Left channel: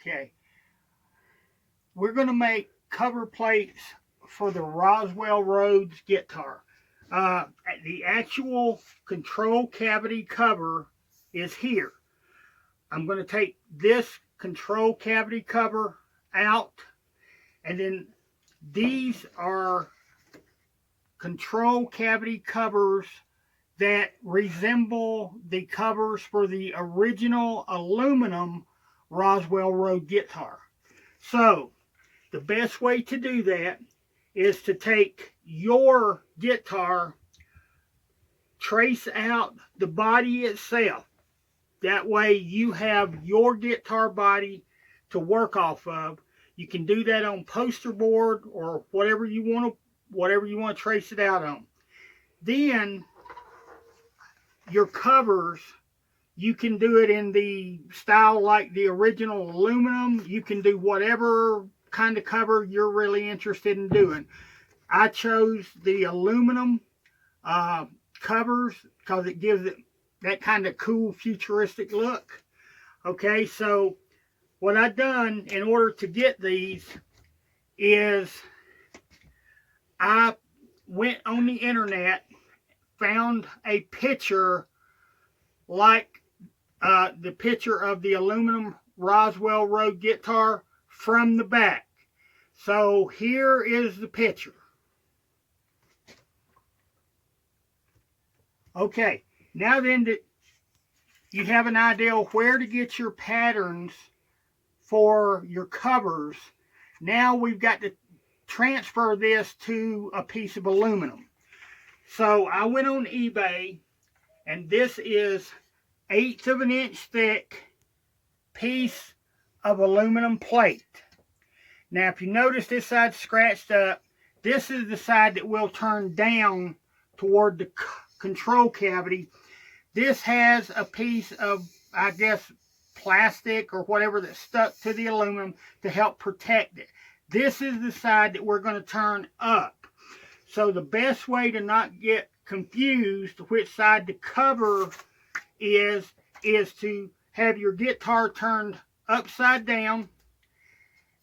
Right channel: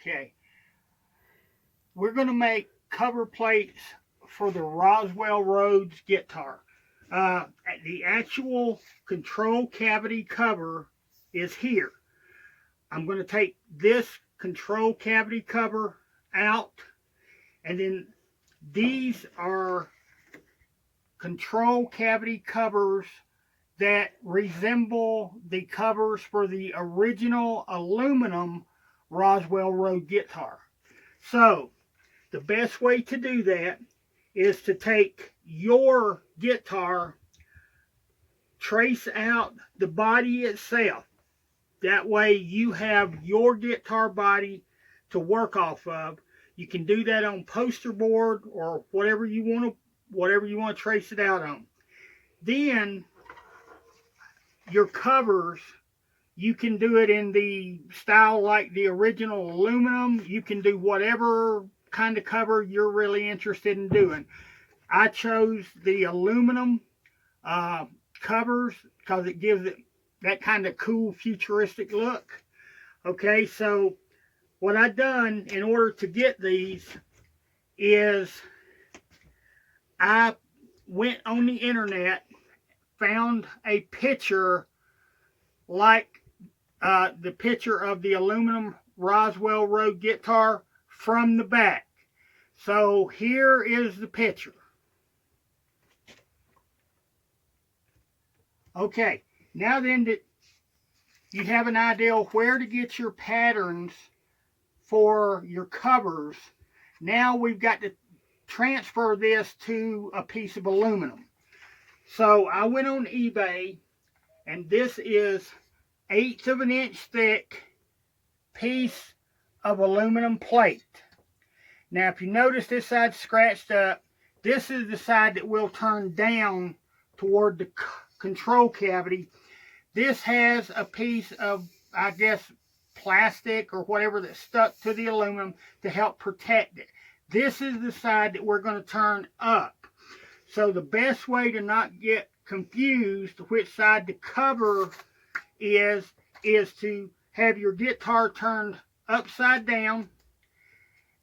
Okay. We're going to make cover plates for the Roswell Rhoads guitar. The actual control cavity cover is here. I'm going to take this control cavity cover out, and then these are control cavity covers that resemble the covers for the original aluminum Roswell Rhoads guitar. So the best way to do that is to take your guitar, trace out the body itself. That way you have your guitar body to work off of. You can do that on poster board or whatever you want to trace it out on. Then your covers, you can do it in the style like the original aluminum. You can do whatever kind of cover you're really interested in doing. I chose the aluminum covers because it gives it that kind of cool futuristic look. Okay, so what I've done in order to get these is I went on the internet, found a picture like the picture of the aluminum Roswell Rhoads guitar from the back. So here is the picture. Okay, now then that you have an idea of where to get your patterns for your covers, now we've got to transfer this to a piece of aluminum. So I went on eBay, and this is 1/8 of an inch thick piece of aluminum plate. Now if you notice this side scratched up, this is the side that will turn down toward the control cavity. This has a piece of, I guess, plastic or whatever that's stuck to the aluminum to help protect it. This is the side that we're going to turn up. So the best way to not get confused which side the cover is to have your guitar turned upside down,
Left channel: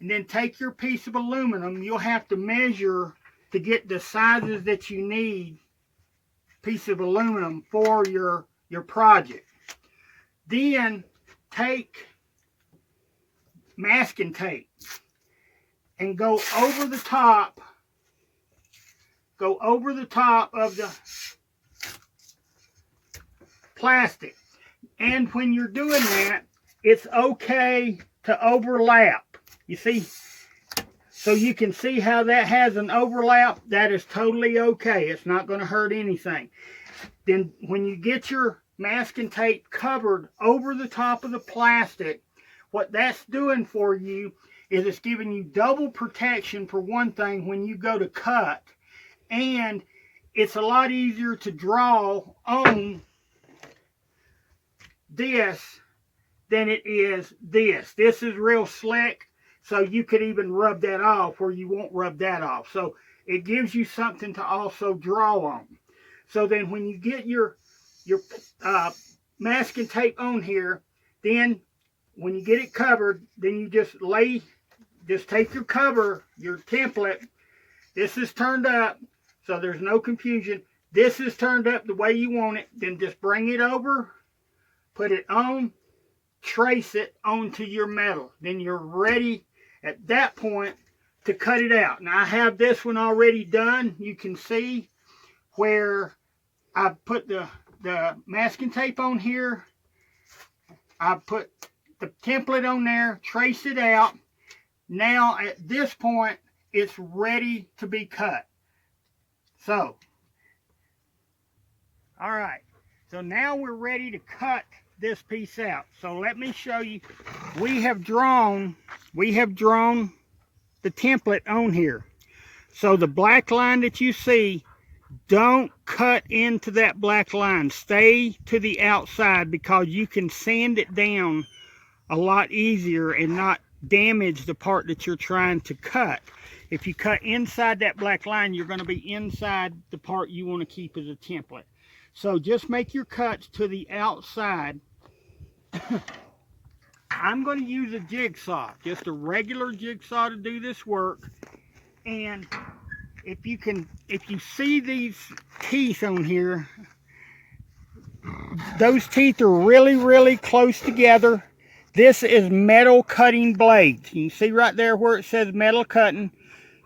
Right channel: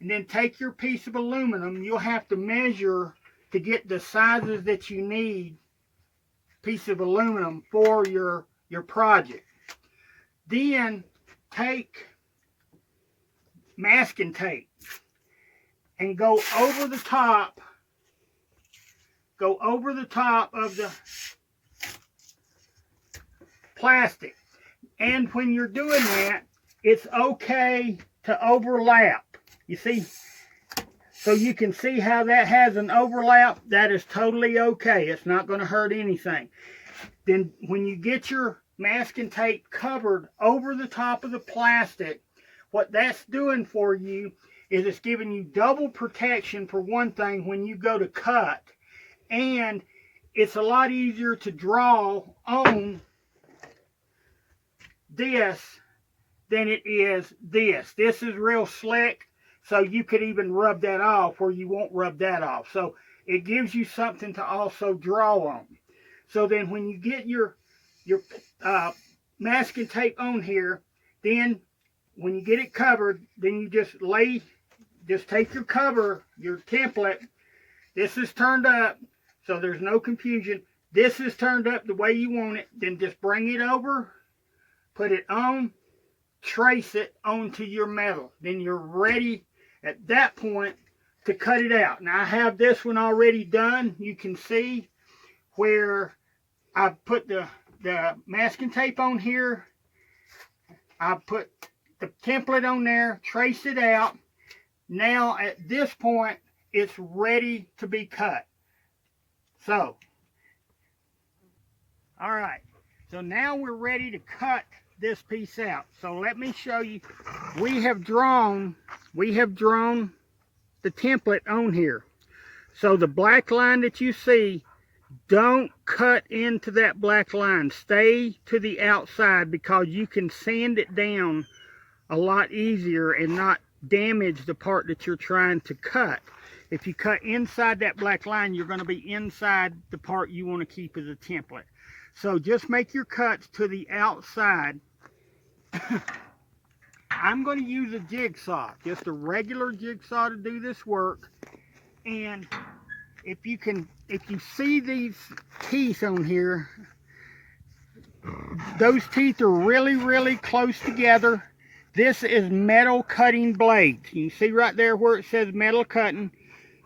and then take your piece of aluminum. You'll have to measure to get the sizes that you need, piece of aluminum, for your project. Then take masking tape and go over the top of the plastic. And when you're doing that, it's okay to overlap. You see, so you can see how that has an overlap. That is totally okay. It's not going to hurt anything. Then when you get your masking tape covered over the top of the plastic, what that's doing for you is it's giving you double protection, for one thing, when you go to cut. And it's a lot easier to draw on this than it is this. This is real slick, so you could even rub that off where you won't rub that off. So it gives you something to also draw on. So then when you get your masking tape on here, then when you get it covered, then you just take your cover, your template. This is turned up, so there's no confusion. This is turned up the way you want it. Then just bring it over, put it on, trace it onto your metal. Then you're ready at that point to cut it out. Now I have this one already done. You can see where I put the masking tape on here. I put the template on there, trace it out. Now at this point, it's ready to be cut. So, all right. So now we're ready to cut this piece out. So let me show you. We have drawn the template on here. So the black line that you see, don't cut into that black line. Stay to the outside, because you can sand it down a lot easier and not damage the part that you're trying to cut. If you cut inside that black line, you're going to be inside the part you want to keep as a template. So just make your cuts to the outside I'm going to use a jigsaw, just a regular jigsaw to do this work. And if you see these teeth on here, those teeth are really, really close together. This is metal cutting blades. You can see right there where it says metal cutting.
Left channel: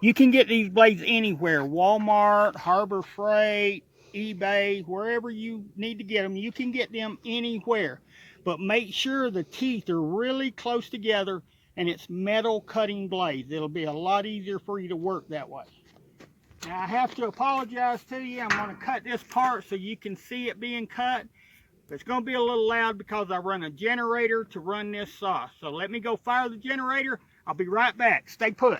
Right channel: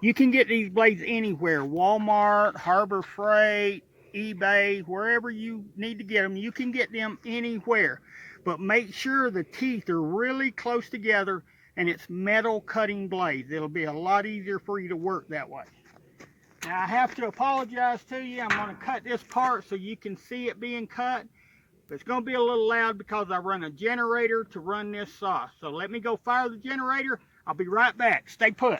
You can get these blades anywhere, Walmart, Harbor Freight, eBay, wherever you need to get them. You can get them anywhere. But make sure the teeth are really close together and it's metal cutting blades. It'll be a lot easier for you to work that way. Now I have to apologize to you. I'm going to cut this part so you can see it being cut. It's going to be a little loud because I run a generator to run this saw. So let me go fire the generator. I'll be right back. Stay put.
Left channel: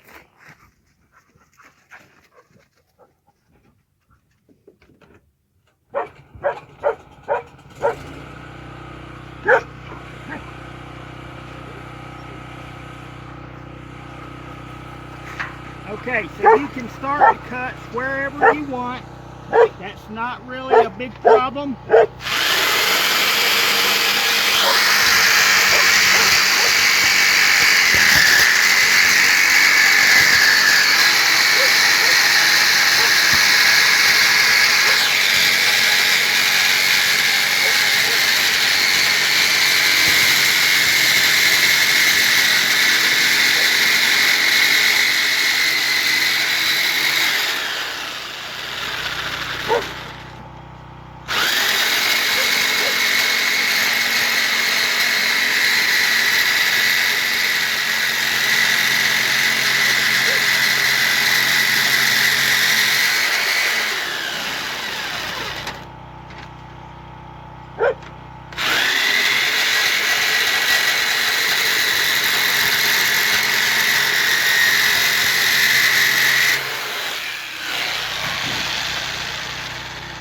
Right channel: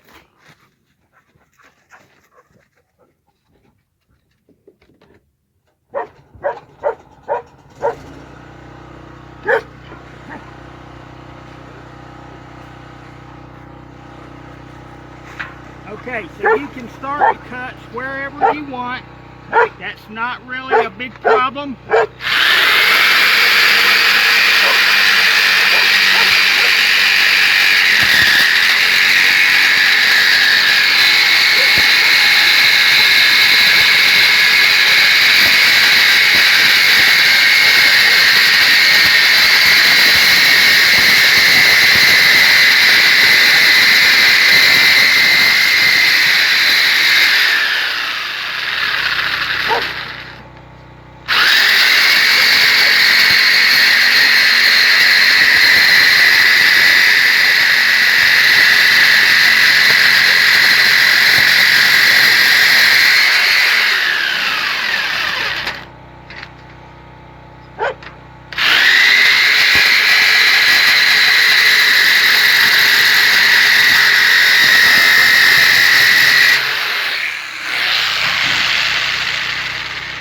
Okay, so you can start the cuts wherever you want. That's not really a big problem.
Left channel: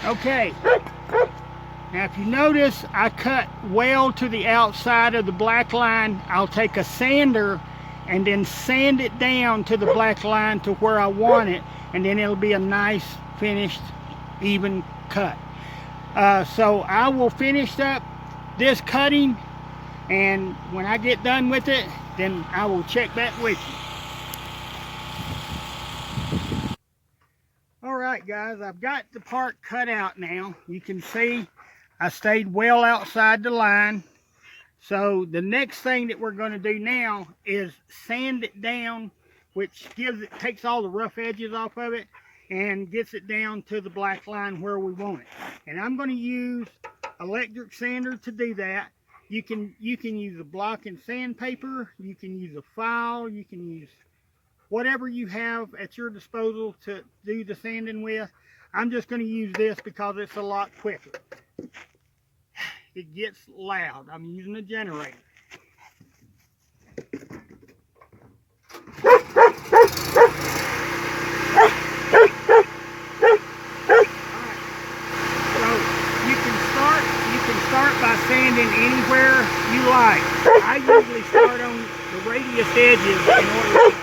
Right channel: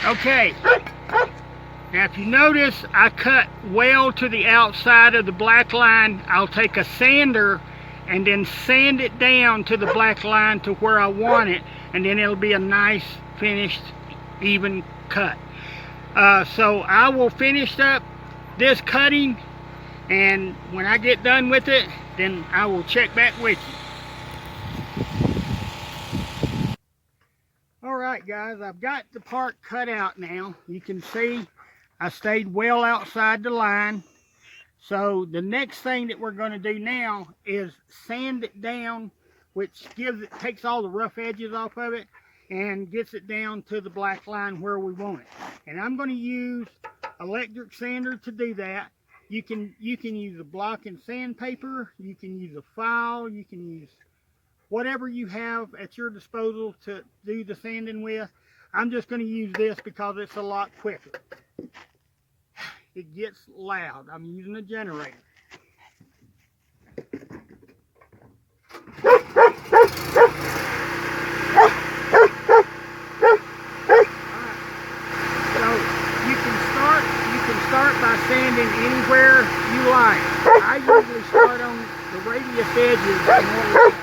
Okay, now if you notice, I cut well to the outside of the black line. I'll take a sander and then sand it down to the black line to where I want it, and then it'll be a nice finished even cut. So I will finish up this cutting, and when I get done with it, then I will check back with you. Alright guys, I've got the part cut out now. You can see I stayed well outside the line. So the next thing that we're going to do now is sand it down, which takes all the rough edges off of it and gets it down to the black line where we want it. And I'm going to use electric sander to do that. You can use a block and sandpaper, you can use a file, you can use whatever you have at your disposal to do the sanding with. I'm just going to use this because it's a lot quicker. It gets loud. I'm using a generator. So you can start by sanding anywhere you like. I usually start on the radius edges in order to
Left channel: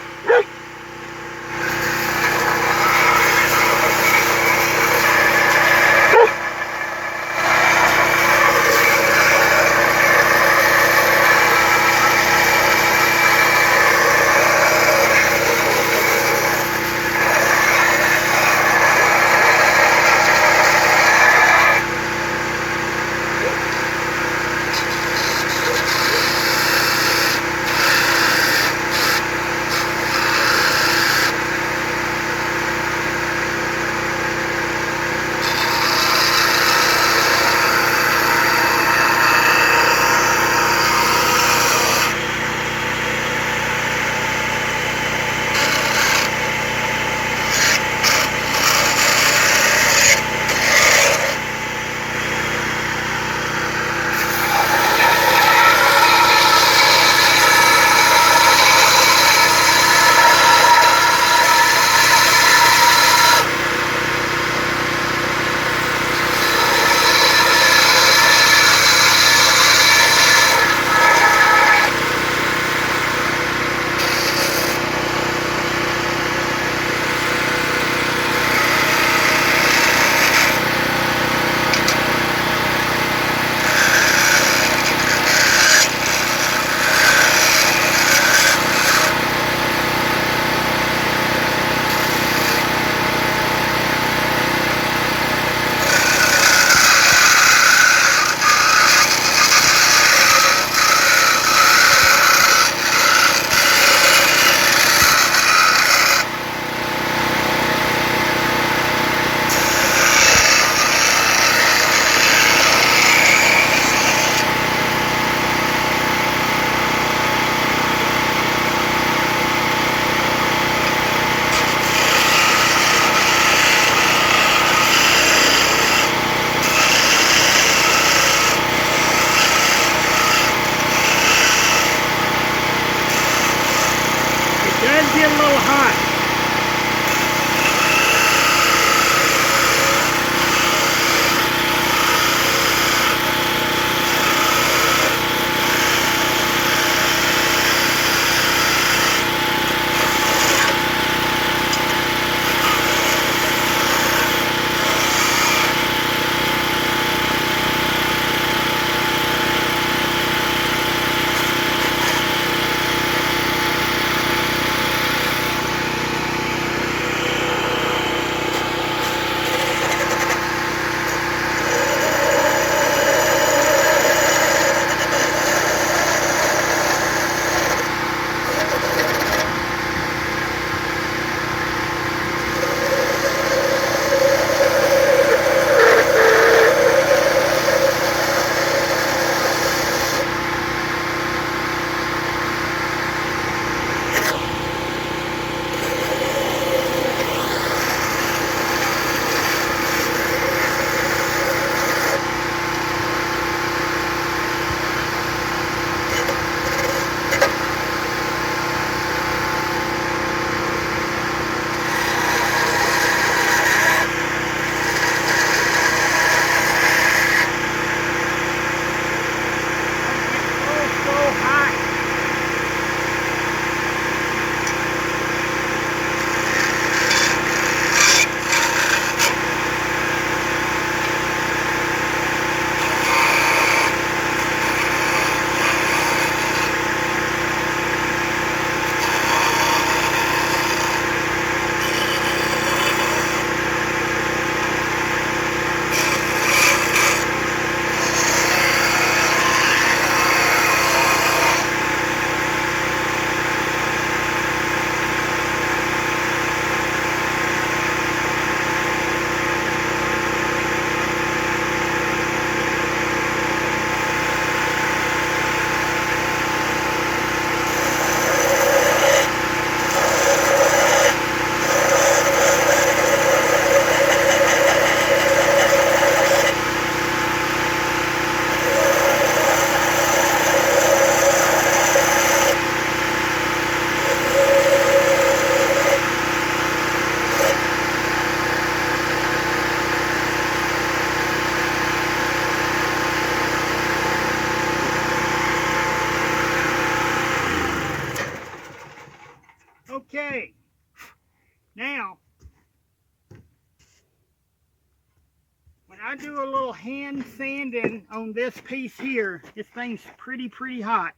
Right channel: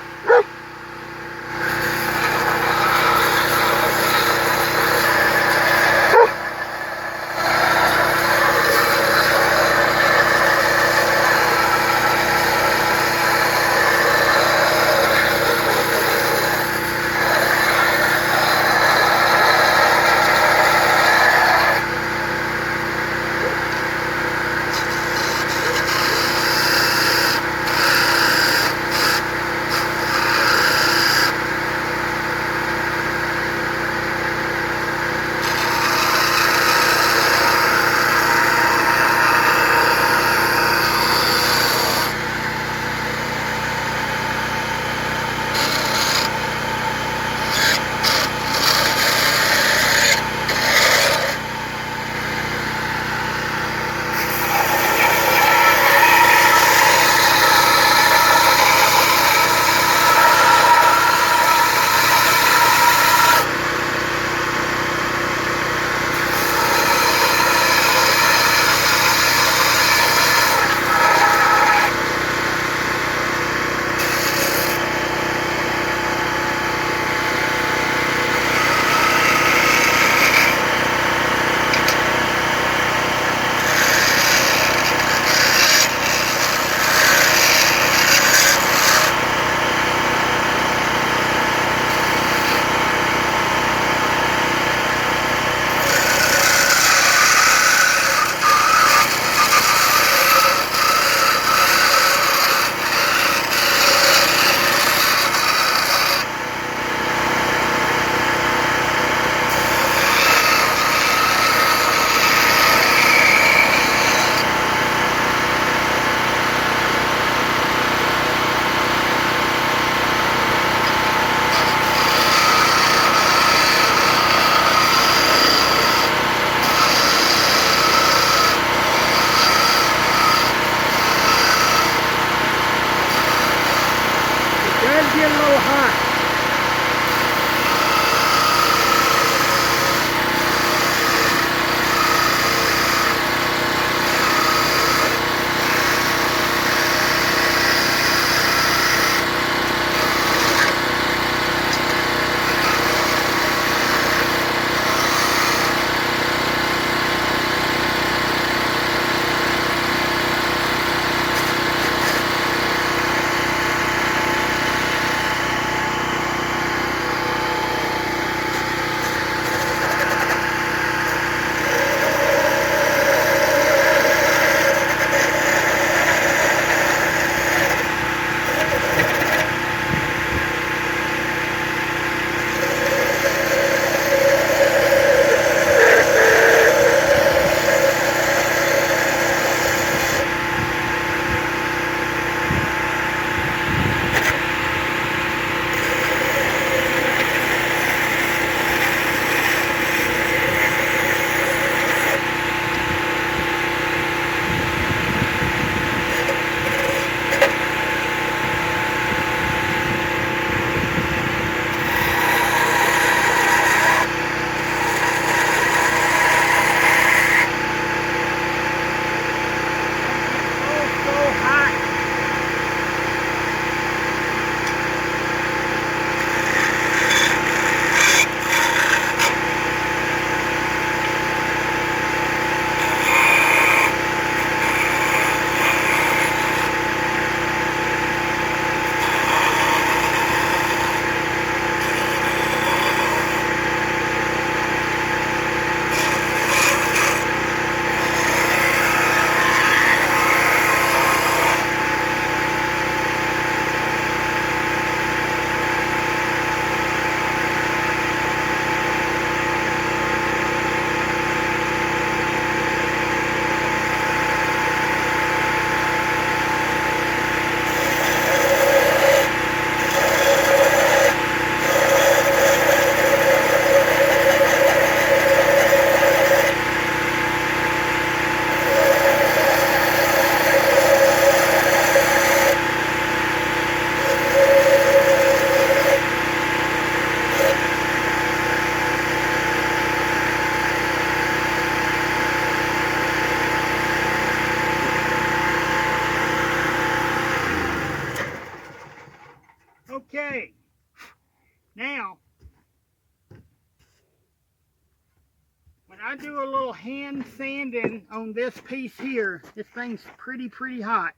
I do a little hand sanding on this piece here. This thing's pretty hot.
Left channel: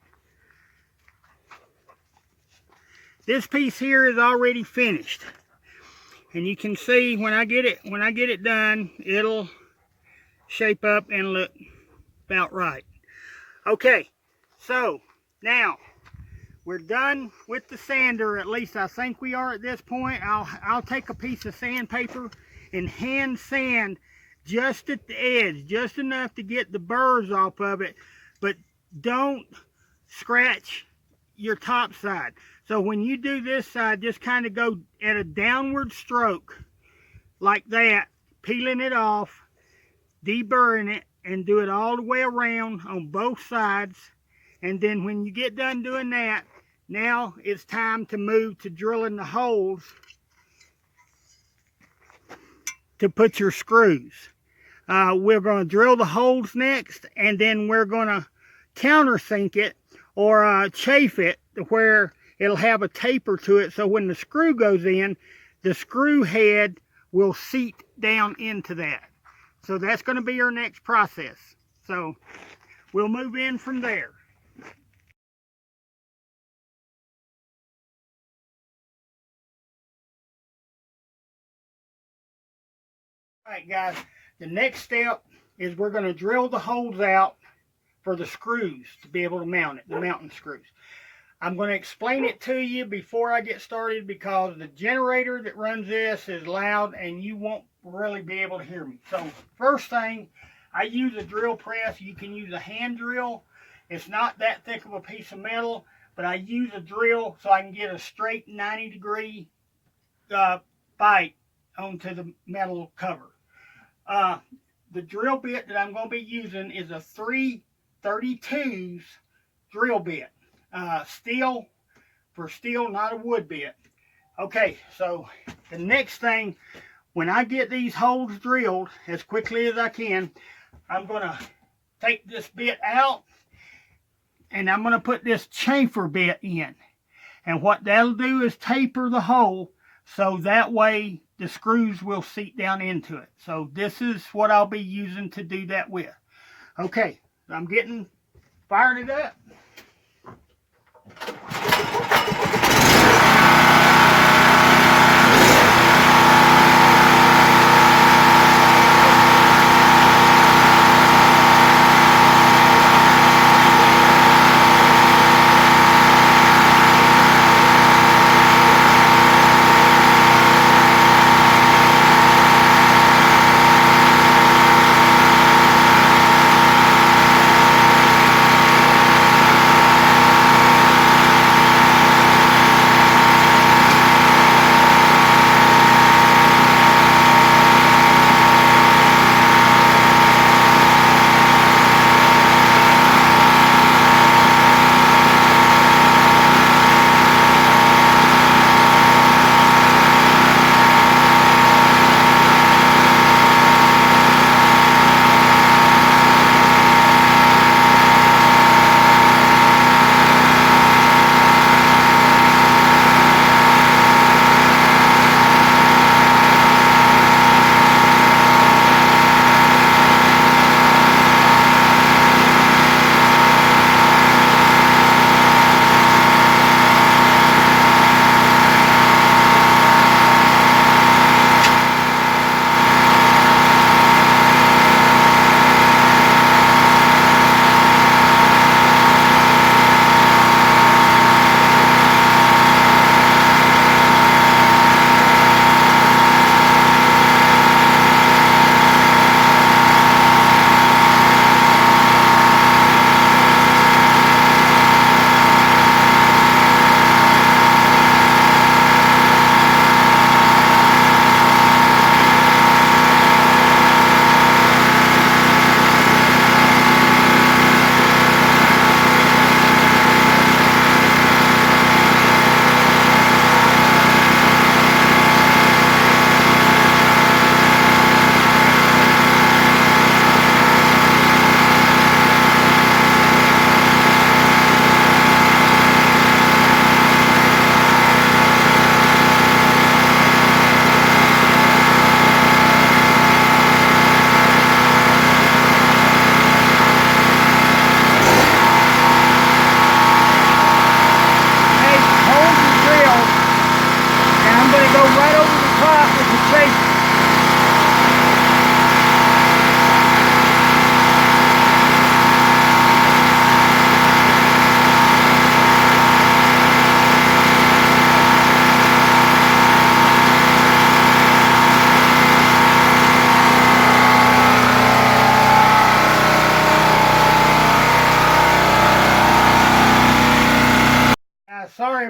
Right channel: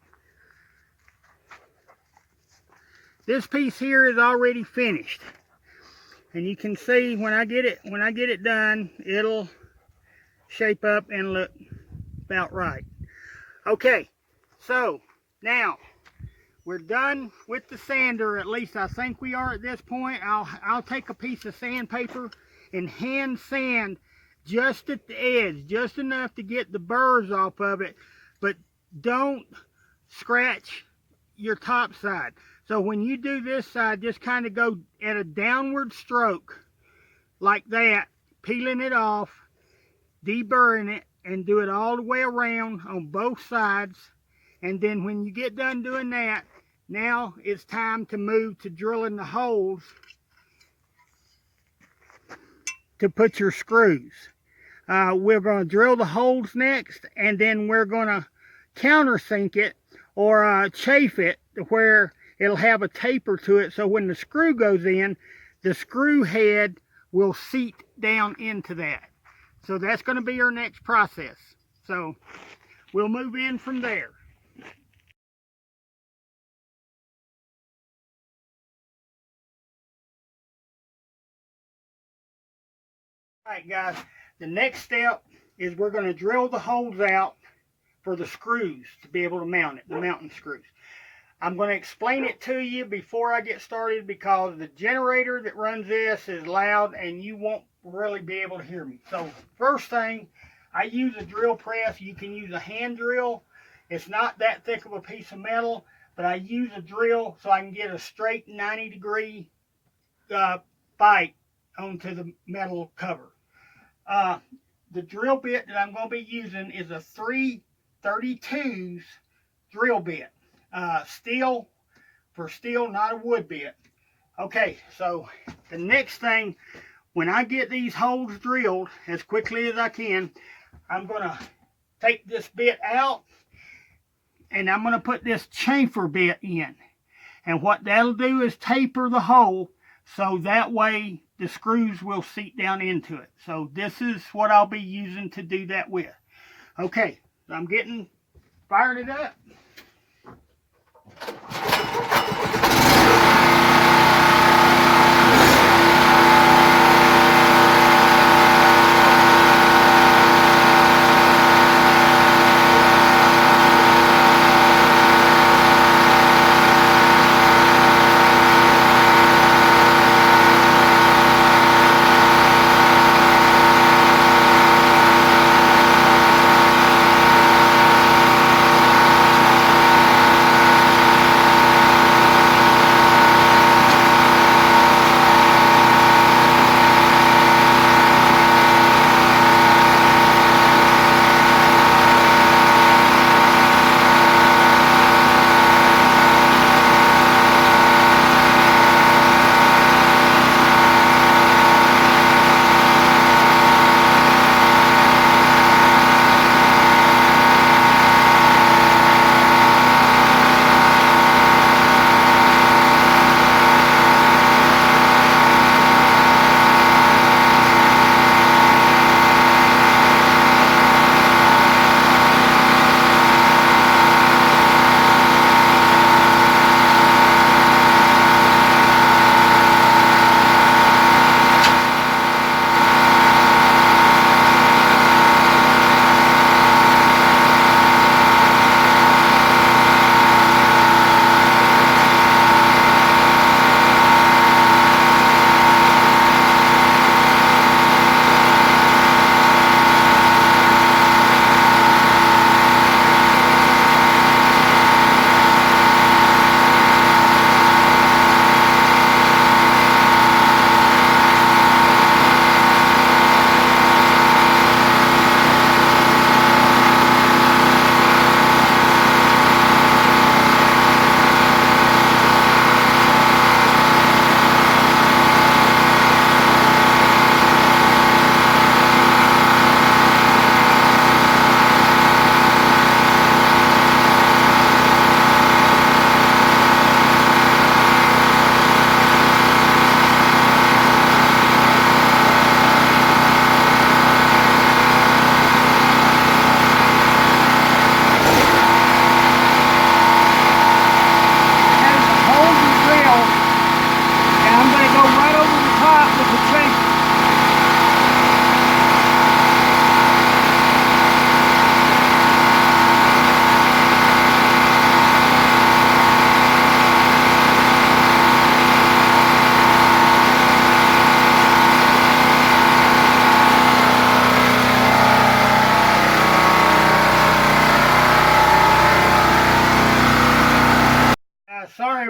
This piece here is already finished. And you can see when I get it done, it'll shape up and look about right. Okay, so now we're done with the sander. At least I think we are at this point. I'll take a piece of sandpaper and hand sand just at the edge, just enough to get the burrs off of it, but don't scratch your top side. So when you do this side, just kind of go at a downward stroke like that, peeling it off, deburring it, and do it all the way around on both sides. And then when you get done doing that, now it's time to move to drilling the holes to put your screws. We're going to drill the holes next, and then we're going to countersink it or chafe it to where it'll have a taper to it, so when the screw goes in, the screw head will seat down into that. So that's going to be our next process. So we'll move in from there. All right, guys, the next step is we're going to drill the holes out for the screws to be able to mount it, the mounting screws. I'm going to explain it to you before I get started because the generator that runs this is loud and you won't really be able to hear me. So first thing, I use a drill press. You can use a hand drill. It's not that thick of a piece of metal, but I use a drill so I can get a straight 90-degree bite onto the metal cover. The drill bit that I'm going to be using is a 3/32 drill bit. Steel for steel, not a wood bit. Okay, so the next thing, when I get these holes drilled as quickly as I can, I'm going to take this bit out and I'm going to put this chamfer bit in. And what that'll do is taper the hole so that way the screws will seat down into it. So this is what I'll be using to do that with. Okay, I'm getting fired it up.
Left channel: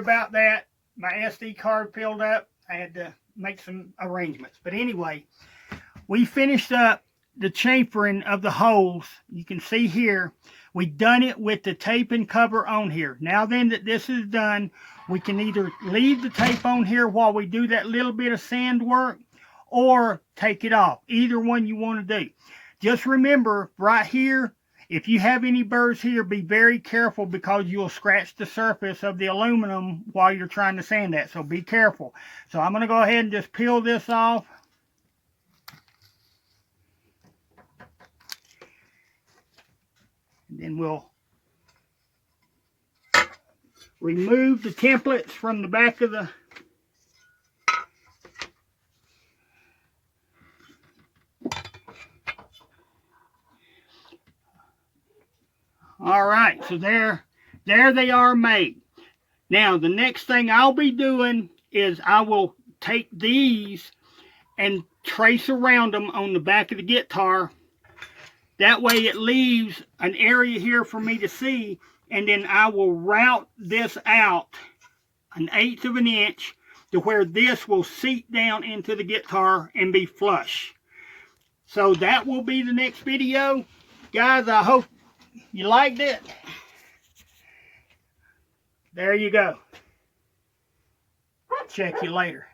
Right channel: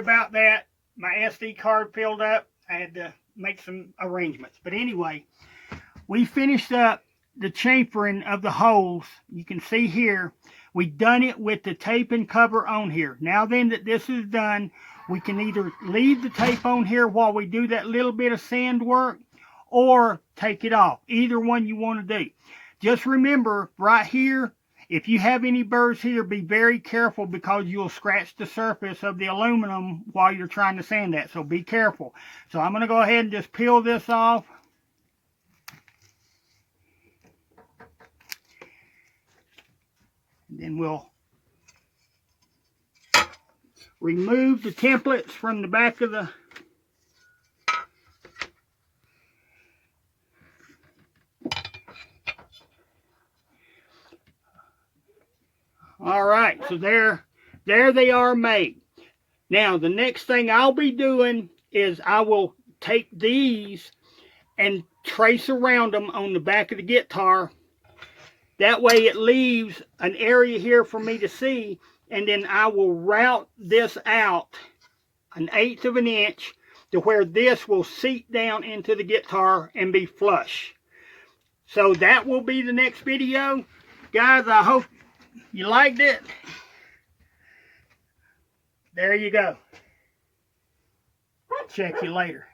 about that. My SD card filled up. I had to make some arrangements. But anyway, we finished up the chamfering of the holes. You can see here, we done it with the tape and cover on here. Now then that this is done, we can either leave the tape on here while we do that little bit of sand work, or take it off. Either one you want to do. Just remember, right here, if you have any burrs here, be very careful because you'll scratch the surface of the aluminum while you're trying to sand that. So be careful. So I'm going to go ahead and just peel this off. And then we'll remove the templates from the back of the all right, so there they are made. Now the next thing I'll be doing is I will take these and trace around them on the back of the guitar. That way it leaves an area here for me to see, and then I will route this out 1/8 of an inch to where this will seat down into the guitar and be flush. So that will be the next video. Guys, I hope you liked it. There you go. Check you later.